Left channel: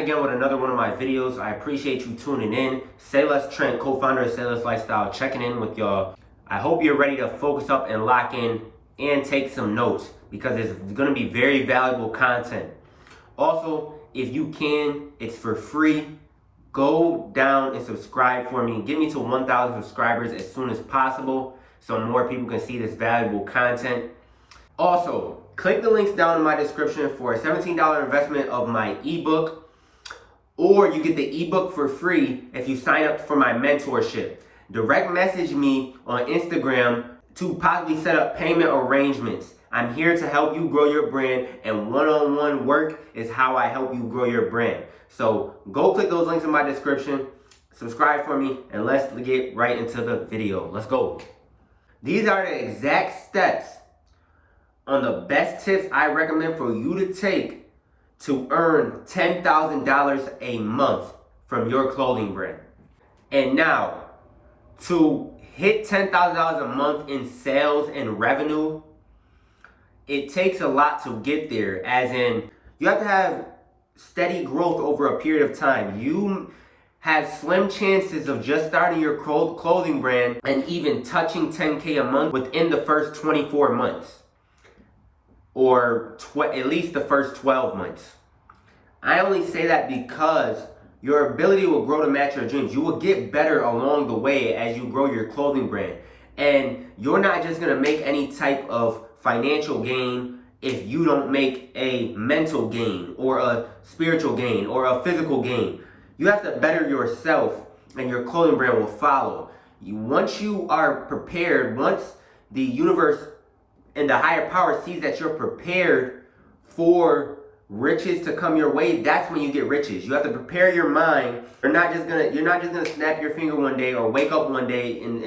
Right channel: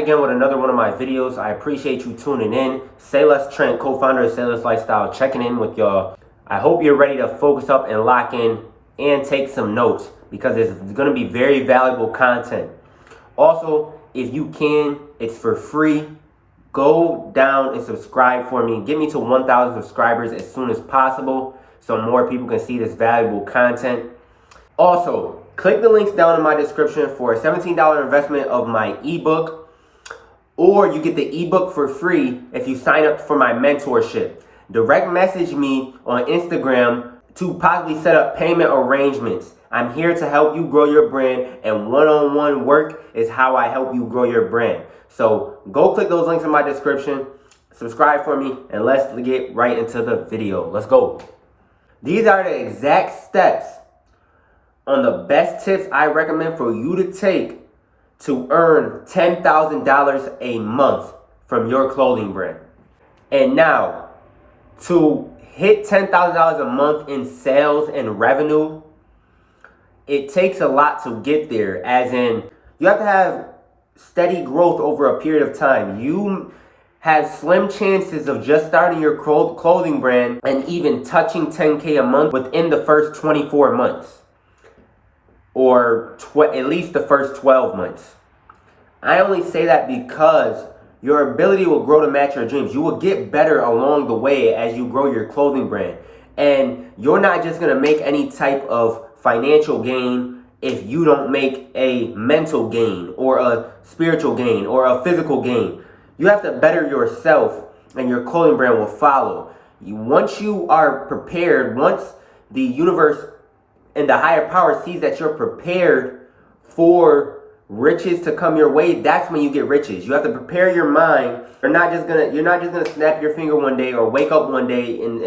Again with another one of my videos. I appreciate you tuning in. Say Less Trent, co-founder of Say Less Lifestyle, checking in with y'all. I hope you're ready to focus up and lock in and take some notes because it's going to be very valuable content. Also, if you can, it's for free. Go down and subscribe for me. Get me to 1,000 subscribers as soon as possible so more people can see this valuable content. Also, click the links down in my description for a $17 investment of my ebook. Or you get the ebook for free if you sign up for my mentorship. Direct message me on Instagram to possibly set up payment arrangements. I'm here to help you grow your brand, and one-on-one work is how I help you grow your brand. So go click those links in my description, subscribe for me, and let's get right into the video. Let's go. These are the exact steps on the best tips I recommend for you to take to earn $10,000 a month from your clothing brand. And now, to hit $10,000 a month in sales and revenue, it takes a lot to get there, as in you have to have steady growth over a period of time. You have slim chances of just starting your clothing brand and even touching 10K a month within the first 24 months. Or at least the first 12 months. I only say that because your ability will grow to match your dreams. You will get better along the way as you grow your clothing brand. And you're not just going to make any type of financial gain if you don't make a mental gain or a spiritual gain or a physical gain. You have to better yourself and your clothing brand will follow. Once you are prepared, once the universe and the higher power sees that you're prepared for riches to come your way, that's when you get riches. You have to prepare your mind. You're not just gonna snap your finger one day or wake up one day and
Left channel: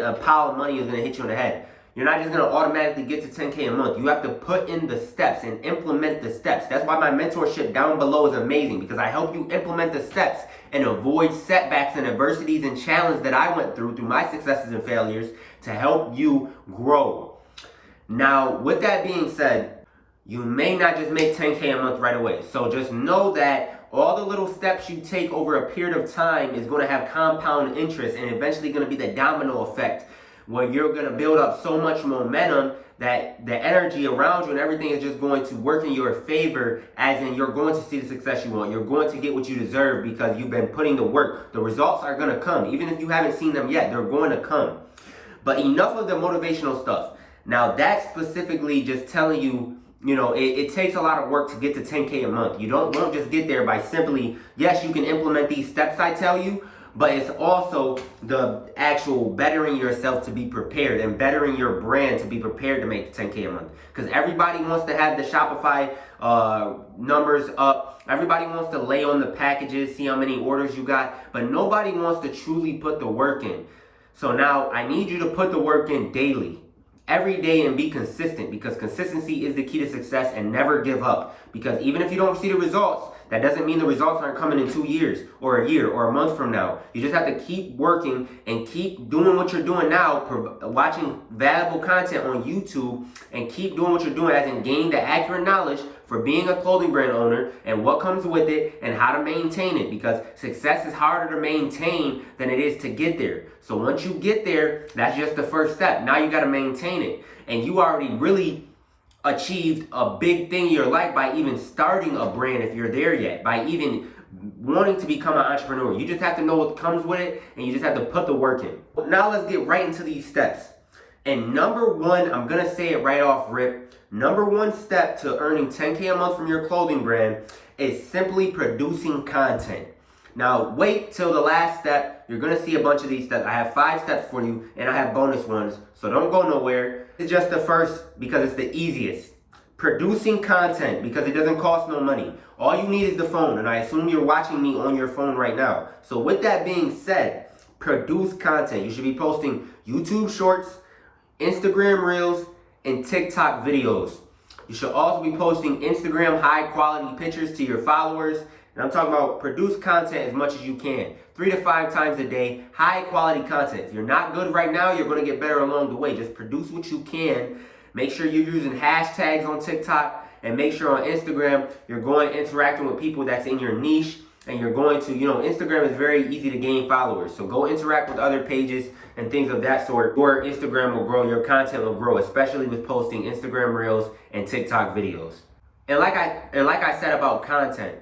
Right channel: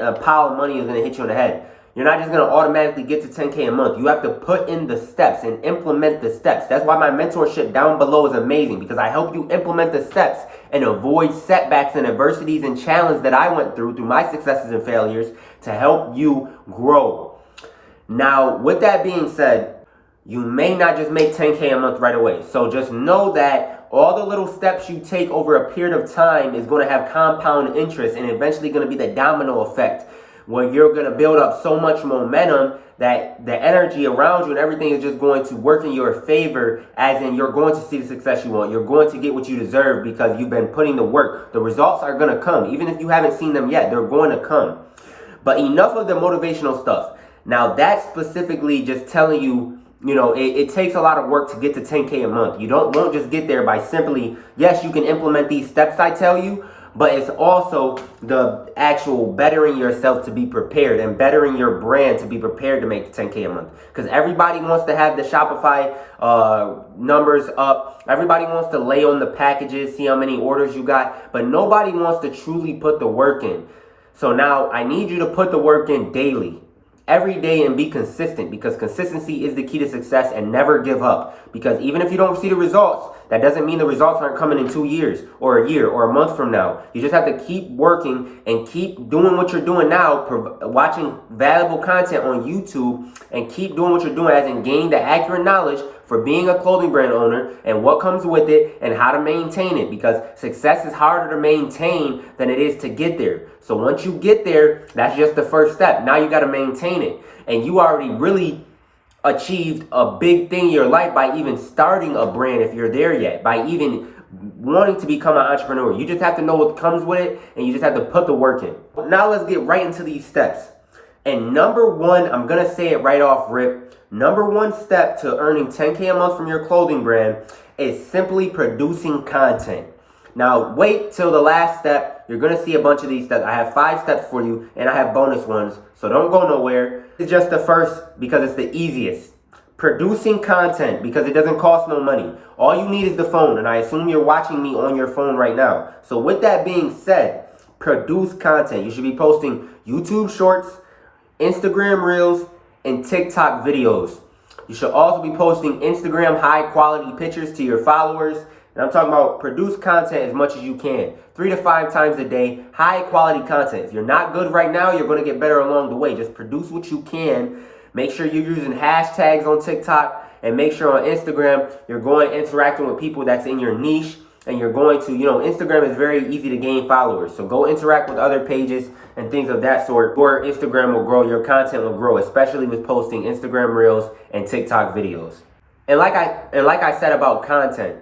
a pile of money is gonna hit you in the head. You're not just gonna automatically get to 10K a month. You have to put in the steps and implement the steps. That's why my mentorship down below is amazing, because I help you implement the steps and avoid setbacks and adversities and challenges that I went through my successes and failures to help you grow. Now, with that being said, you may not just make 10K a month right away. So just know that all the little steps you take over a period of time is going to have compound interest and eventually going to be the domino effect, where you're going to build up so much momentum that the energy around you and everything is just going to work in your favor, as in you're going to see the success you want. You're going to get what you deserve because you've been putting the work. The results are going to come. Even if you haven't seen them yet, they're going to come. But enough of the motivational stuff. Now, that's specifically just telling you, it takes a lot of work to get to 10K a month. You won't just get there by simply, yes, you can implement these steps I tell you, but it's also the actual bettering yourself to be prepared and bettering your brand to be prepared to make 10K a month. Because everybody wants to have the Shopify numbers up. Everybody wants to lay on the packages, see how many orders you got, but nobody wants to truly put the work in. So now I need you to put the work in daily. Every day, and be consistent, because consistency is the key to success, and never give up. Because even if you don't see the results, that doesn't mean the results aren't coming in 2 years or a year or a month from now. You just have to keep working and keep doing what you're doing now, watching valuable content on YouTube, and keep doing what you're doing, as in gaining the accurate knowledge for being a clothing brand owner and what comes with it and how to maintain it, because success is harder to maintain than it is to get there. So once you get there, that's just the first step. Now you got to maintain it. And you already really achieved a big thing in your life by even starting a brand, if you're there yet, by even wanting to become an entrepreneur. You just have to know what comes with it, and you just have to put the work in. Now let's get right into these steps. And number one, I'm going to say it right off rip. Number one step to earning 10K a month from your clothing brand is simply producing content. Now, wait till the last step. You're going to see a bunch of these steps. I have 5 steps for you, and I have bonus ones, so don't go nowhere. It's just the first because it's the easiest. Producing content, because it doesn't cost no money. All you need is the phone, and I assume you're watching me on your phone right now. So with that being said, produce content. You should be posting YouTube Shorts, Instagram Reels, and TikTok videos. You should also be posting Instagram high quality pictures to your followers. And I'm talking about produce content as much as you can. 3 to 5 times a day, high quality content. If you're not good right now, you're going to get better along the way. Just produce what you can. Make sure you're using hashtags on TikTok And make sure on Instagram, you're going interacting with people that's in your niche. And you're going to, Instagram is very easy to gain followers. So go interact with other pages and things of that sort. Your Instagram will grow, your content will grow, especially with posting Instagram Reels and TikTok videos. And like I said about content,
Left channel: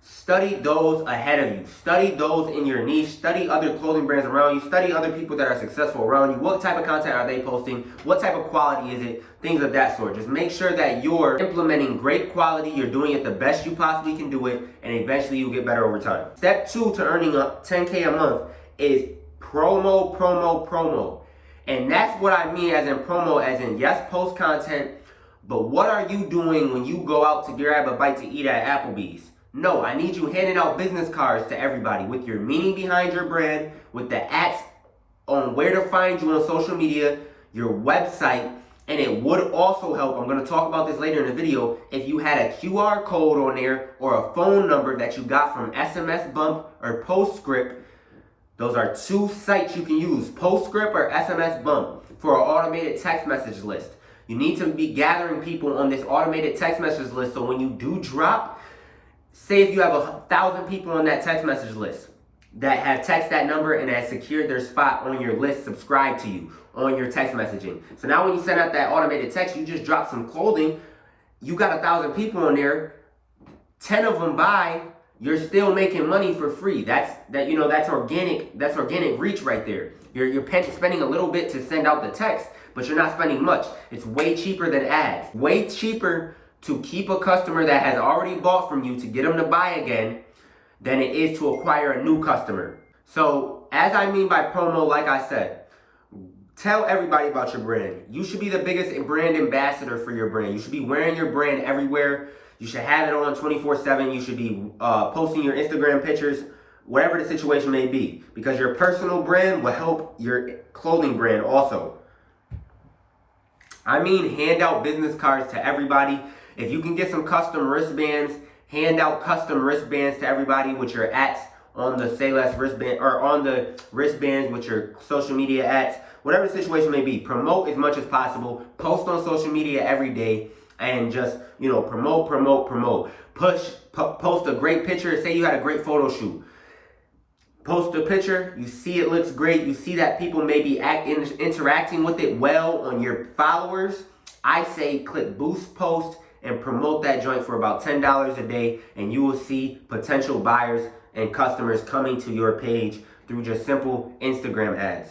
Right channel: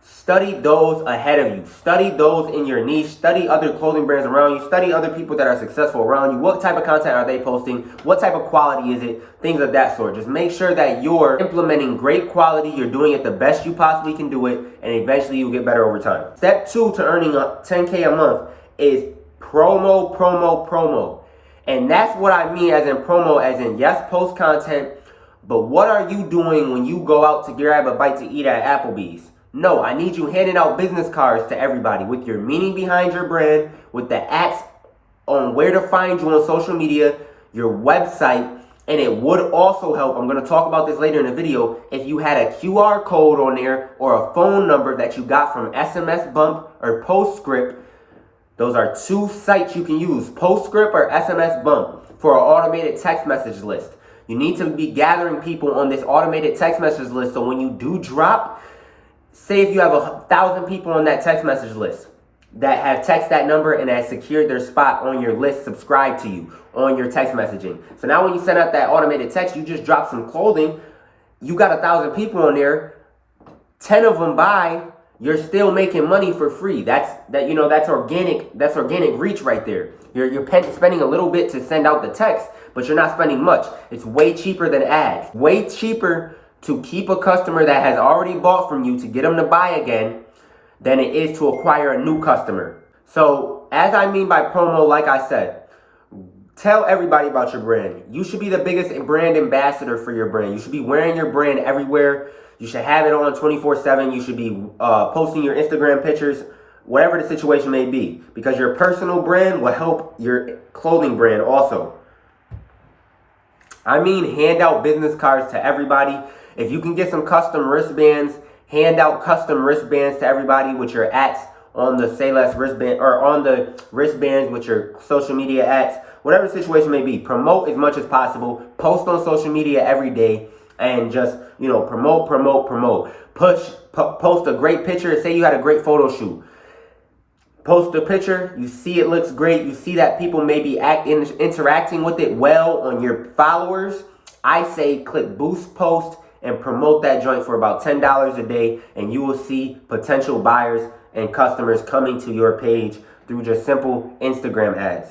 study those ahead of you. Study those in your niche. Study other clothing brands around you. Study other people that are successful around you. What type of content are they posting? What type of quality is it? Things of that sort. Just make sure that you're implementing great quality. You're doing it the best you possibly can do it. And eventually you'll get better over time. Step 2 to earning $10K a month is promo, promo, promo. And that's what I mean as in promo, as in yes, post content. But what are you doing when you go out to grab a bite to eat at Applebee's? No, I need you handing out business cards to everybody with your meaning behind your brand, with the @ on where to find you on social media, your website, and it would also help, I'm going to talk about this later in the video, if you had a QR code on there or a phone number that you got from SMS Bump or Postscript. Those are 2 sites you can use, Postscript or SMS Bump, for an automated text message list. You need to be gathering people on this automated text message list so when you do drop, say if you have 1,000 people on that text message list that have text that number and have secured their spot on your list, subscribe to you on your text messaging. So now when you send out that automated text, you just drop some clothing, you got 1,000 people on there, 10 of them buy, you're still making money for free. That's organic reach right there. You're spending a little bit to send out the text, but you're not spending much. It's way cheaper than ads. Way cheaper to keep a customer that has already bought from you to get them to buy again than it is to acquire a new customer. So as I mean by promo, like I said, tell everybody about your brand. You should be the biggest brand ambassador for your brand. You should be wearing your brand everywhere. You should have it on 24/7. You should be posting your Instagram pictures, whatever the situation may be, because your personal brand will help your clothing brand also. I mean, hand out business cards to everybody. If you can get some custom wristbands, hand out custom wristbands to everybody with your @ on the Say Less wristband, or on the wristbands with your social media @, whatever the situation may be. Promote as much as possible. Post on social media every day and just, promote. Post a great picture. Say you had a great photo shoot. Post a picture, you see it looks great, you see that people may be interacting with it well on your followers. I say click boost post and promote that joint for about $10 a day, and you will see potential buyers and customers coming to your page through just simple Instagram ads.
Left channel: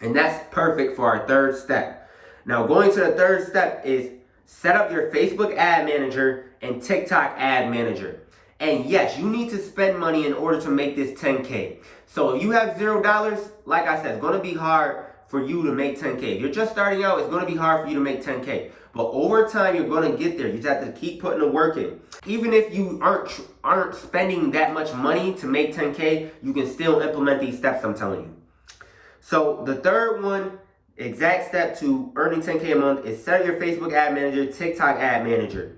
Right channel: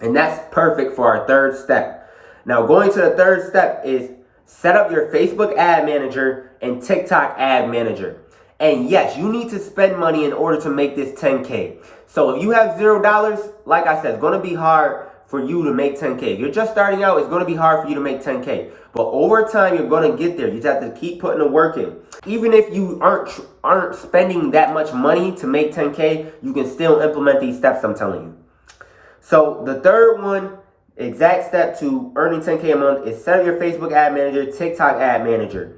And that's perfect for our 3rd step. Now, going to the 3rd step is set up your Facebook ad manager and TikTok ad manager. And yes, you need to spend money in order to make this 10K. So if you have $0, like I said, it's going to be hard for you to make 10K. If you're just starting out, it's going to be hard for you to make 10K. But over time, you're going to get there. You just have to keep putting the work in. Even if you aren't spending that much money to make 10K, you can still implement these steps I'm telling you. So the 3rd one, exact step to earning 10K a month, is set up your Facebook ad manager, TikTok ad manager.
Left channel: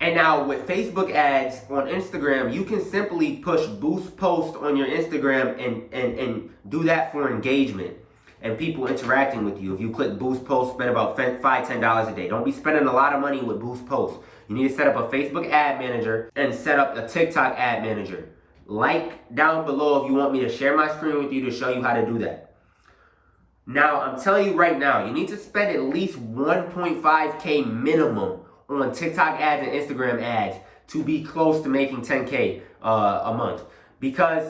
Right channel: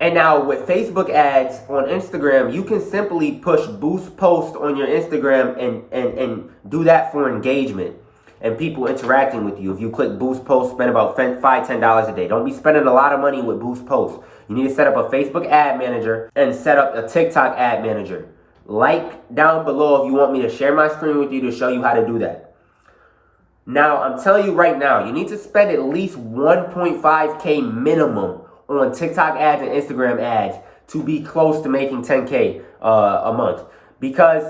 And now with Facebook ads on Instagram, you can simply push boost post on your Instagram and do that for engagement and people interacting with you. If you click boost post, spend about $5, $10 a day. Don't be spending a lot of money with boost post. You need to set up a Facebook ad manager and set up a TikTok ad manager. Like down below if you want me to share my screen with you to show you how to do that. Now, I'm telling you right now, you need to spend at least 1.5K minimum on TikTok ads and Instagram ads to be close to making 10K a month. Because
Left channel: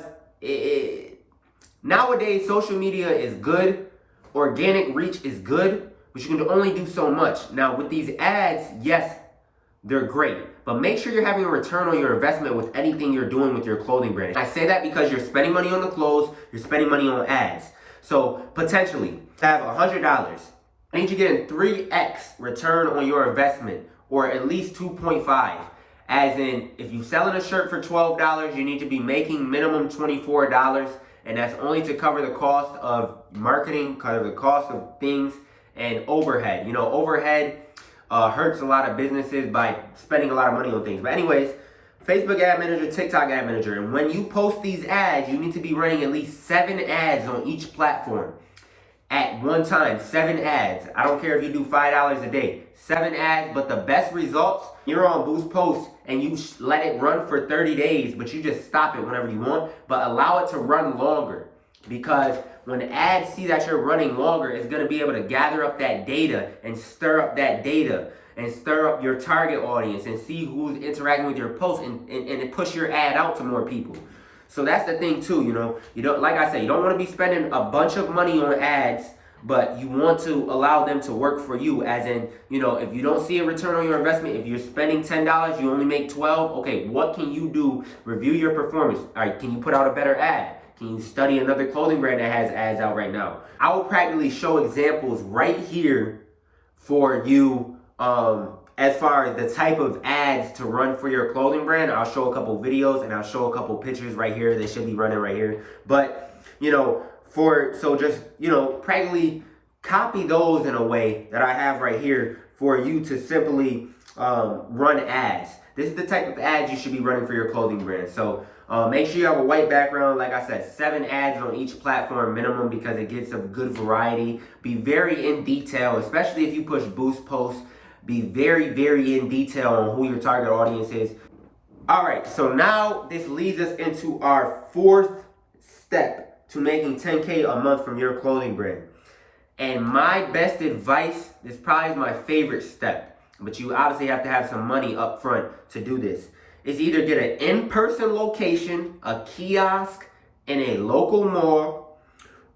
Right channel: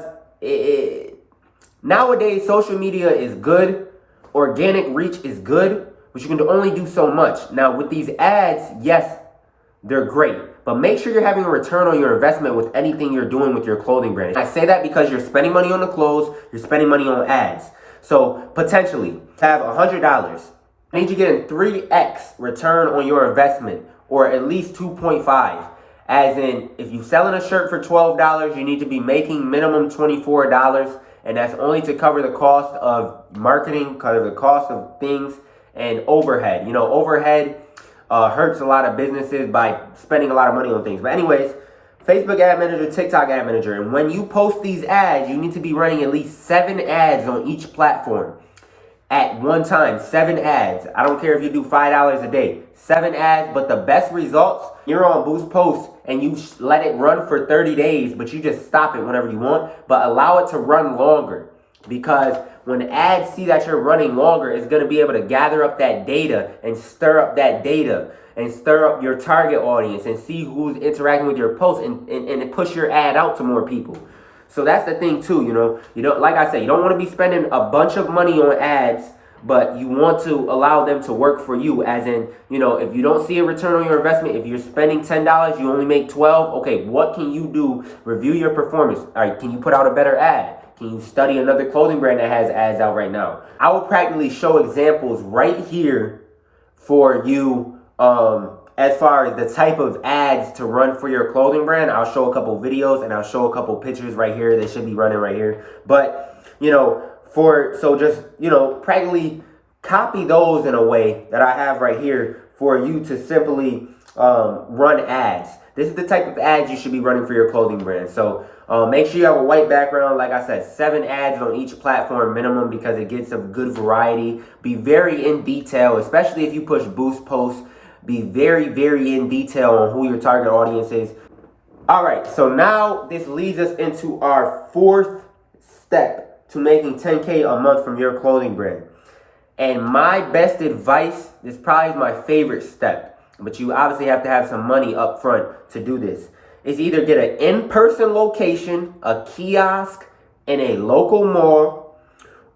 nowadays, social media is good, organic reach is good, but you can only do so much. Now, with these ads, yes, they're great, but make sure you're having a return on your investment with anything you're doing with your clothing brand. I say that because you're spending money on the clothes, you're spending money on ads. So potentially, have $100. I need you to get a 3x return on your investment, or at least 2.5. As in, if you're selling a shirt for $12, you need to be making minimum $24, and that's only to cover the cost of marketing, cover the cost of things, and overhead. You know, overhead hurts a lot of businesses by spending a lot of money on things. But anyways, Facebook ad manager, TikTok ad manager, and when you post these ads, you need to be running at least 7 ads on each platform. at one time, 7 ads. I don't care if you do $5 a day, 7 ads, but the best results, you're on Boost Post and you let it run for 30 days, but you just stop it whenever you want, but allow it to run longer. Because when ads see that you're running longer, it's going to be able to gather up that data and stir up that data and stir up your target audience and see who's interacting with your post and push your ad out to more people. So that's the thing too, you don't, like I said, you don't want to be spending a bunch of money on ads, but you want to allow them to work for you. As in, if you don't see a return on your investment, if you're spending $10, you only make 12. Okay, what can you do? Review your performance. All right, can you put out a better ad? Can you study another clothing brand that has ads out right now? I will practically show examples right here for you as far as the type of ads to run for your clothing brand. I'll show a couple videos and I'll show a couple pictures right here. They should be running right here. But, practically copy those in a way that I have right here for you to simply run ads. This is the type of ads you should be running for your clothing brand. So make sure you have a white background. Like I said, 7 ads on each platform minimum because it gets a good variety. Be very in detail, especially if you push Boost Posts. Be very, very in detail on who your target audience is. All right, so now this leads us into our 4th step to making 10K a month from your clothing brand. And my best advice, this probably is my favorite step, but you obviously have to have some money up front to do this, is either get an in-person location, a kiosk in a local mall,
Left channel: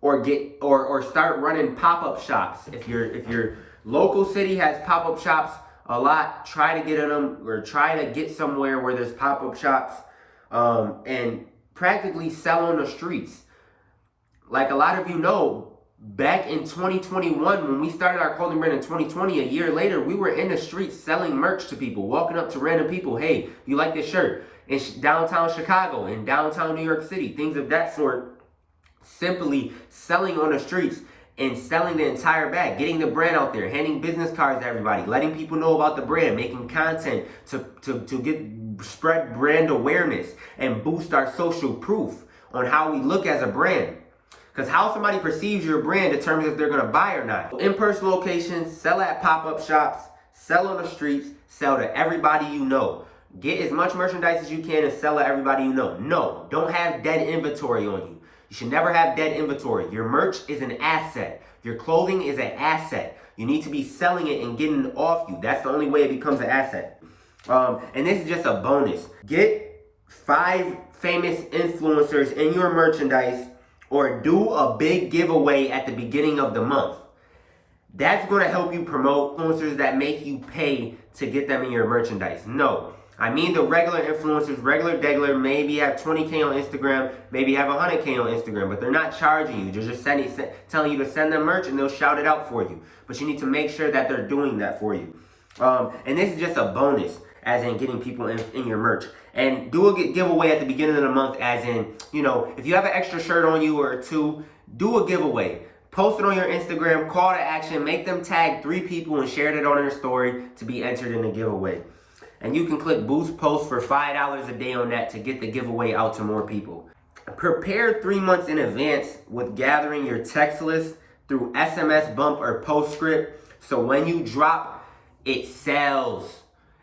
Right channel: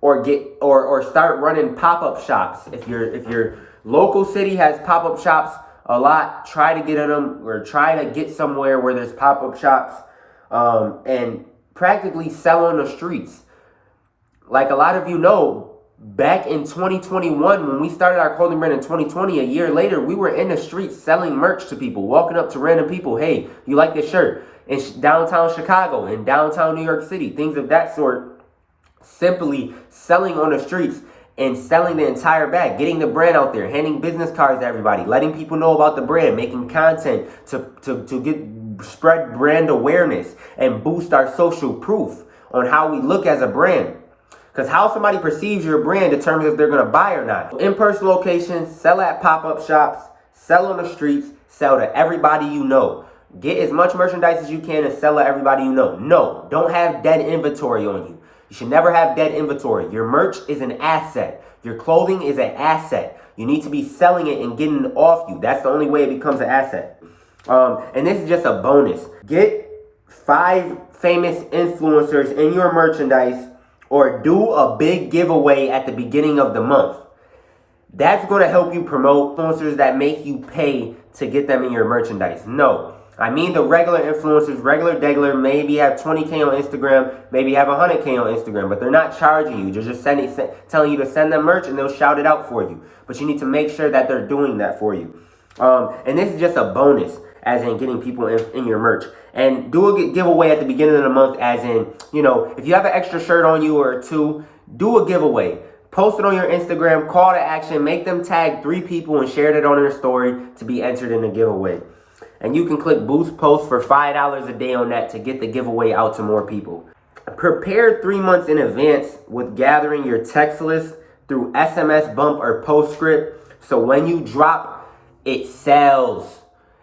or start running pop-up shops. If your local city has pop-up shops a lot, try to get in them or try to get somewhere where there's pop-up shops and practically sell on the streets. Like a lot of you know, back in 2021, when we started our clothing brand in 2020, a year later, we were in the streets selling merch to people, walking up to random people. Hey, you like this shirt? In downtown Chicago, in downtown New York City, things of that sort. Simply selling on the streets and selling the entire bag, getting the brand out there, handing business cards to everybody, letting people know about the brand, making content to spread brand awareness and boost our social proof on how we look as a brand. Because how somebody perceives your brand determines if they're going to buy or not. In-person locations, sell at pop-up shops, sell on the streets, sell to everybody you know. Get as much merchandise as you can and sell to everybody you know. No, don't have dead inventory on you. You should never have dead inventory. Your merch is an asset. Your clothing is an asset. You need to be selling it and getting it off you. That's the only way it becomes an asset. And this is just a bonus. Get 5 famous influencers in your merchandise or do a big giveaway at the beginning of the month. That's going to help you promote influencers that make you pay to get them in your merchandise. No. I mean the regular influencers, regular degular, maybe have 20K on Instagram, maybe have 100K on Instagram, but they're not charging you. They're just telling you to send them merch and they'll shout it out for you. But you need to make sure that they're doing that for you. And this is just a bonus, as in getting people in your merch. And do a giveaway at the beginning of the month, as in, if you have an extra shirt on you or 2, do a giveaway. Post it on your Instagram, call to action, make them tag 3 people and share it on their story to be entered in the giveaway. And you can click Boost Post for $5 a day on that to get the giveaway out to more people. Prepare 3 months in advance with gathering your text list through SMS bump or postscript. So when you drop, it sells.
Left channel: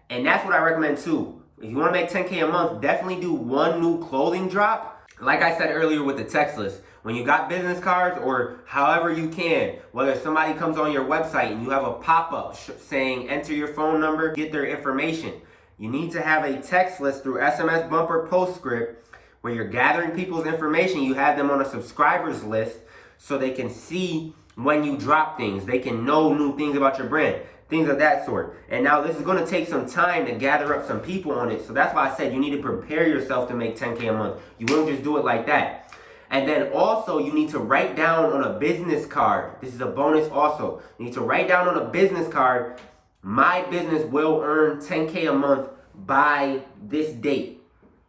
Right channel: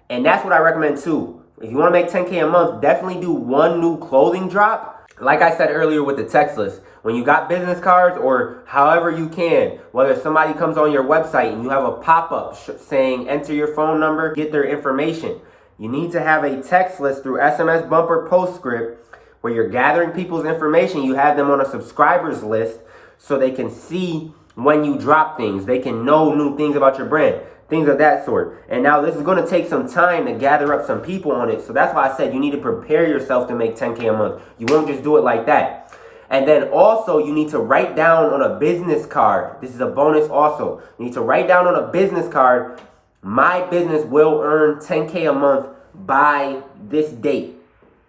And that's what I recommend too. If you want to make 10K a month, definitely do 1 new clothing drop. Like I said earlier with the text list, when you got business cards or however you can, whether somebody comes on your website and you have a pop-up saying enter your phone number, get their information. You need to have a text list through SMS bumper postscript where you're gathering people's information. You have them on a subscribers list so they can see when you drop things. They can know new things about your brand, things of that sort. And now this is going to take some time to gather up some people on it. So that's why I said you need to prepare yourself to make 10K a month. You won't just do it like that. And then also you need to write down on a business card. This is a bonus also. You need to write down on a business card, my business will earn 10K a month by this date.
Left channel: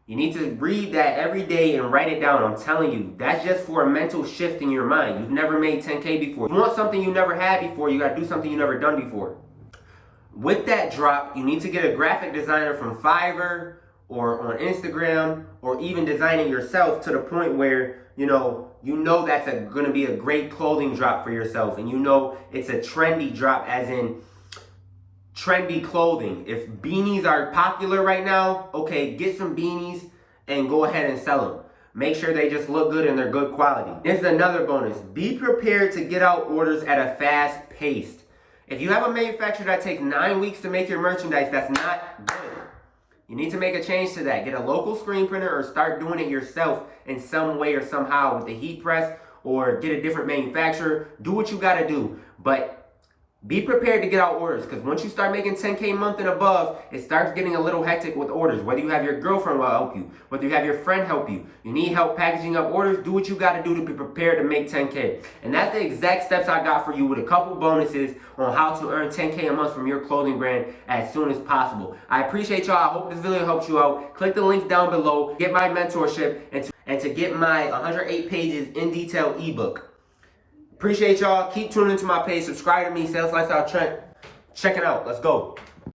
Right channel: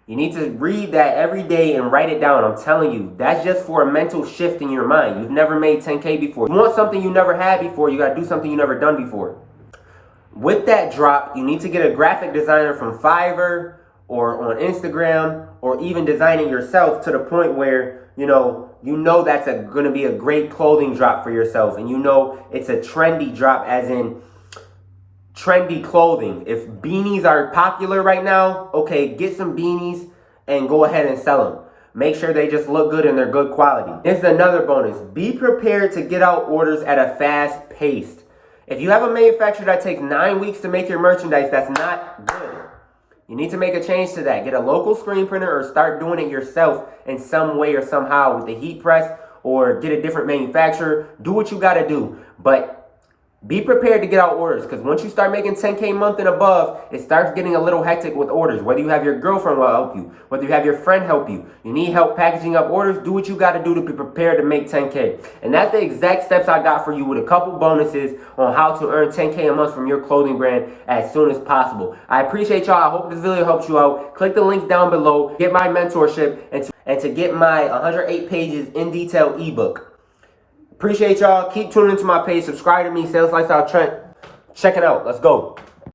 You need to read that every day and write it down. I'm telling you, that's just for a mental shift in your mind. You've never made 10K before. You want something you never had before, you gotta do something you never done before. With that drop, you need to get a graphic designer from Fiverr or on Instagram, or even designing yourself to the point where you know that's going to be a great clothing drop for yourself, and you know it's a trendy drop, as in trendy clothing. If beanies are popular right now, okay, get some beanies and go ahead and sell them. Make sure they just look good and they're good quality. This is another bonus. Be prepared to get out orders at a fast pace. If you have a manufacturer that takes 9 weeks to make your merchandise, that's not good. You need to make a change to that. Get a local screen printer or start doing it yourself in some way or somehow with the heat press, or get a different manufacturer. Do what you got to do. But be prepared to get out orders, because once you start making 10K a month and above, it starts getting a little hectic with orders. Whether you have your girlfriend will help you, whether you have your friend help you, you need help packaging up orders, do what you got to do to be prepared to make 10K. And that's the exact steps I got for you, with a couple bonuses on how to earn 10K a month from your clothing brand as soon as possible. I appreciate y'all. I hope this video helps you out. Click the links down below, get my mentorship, and to get my 108 pages in detail ebook. Appreciate y'all. Keep tuning into my page. Subscribe to me, Sales Lifestyle Trent. Check it out. Let's go.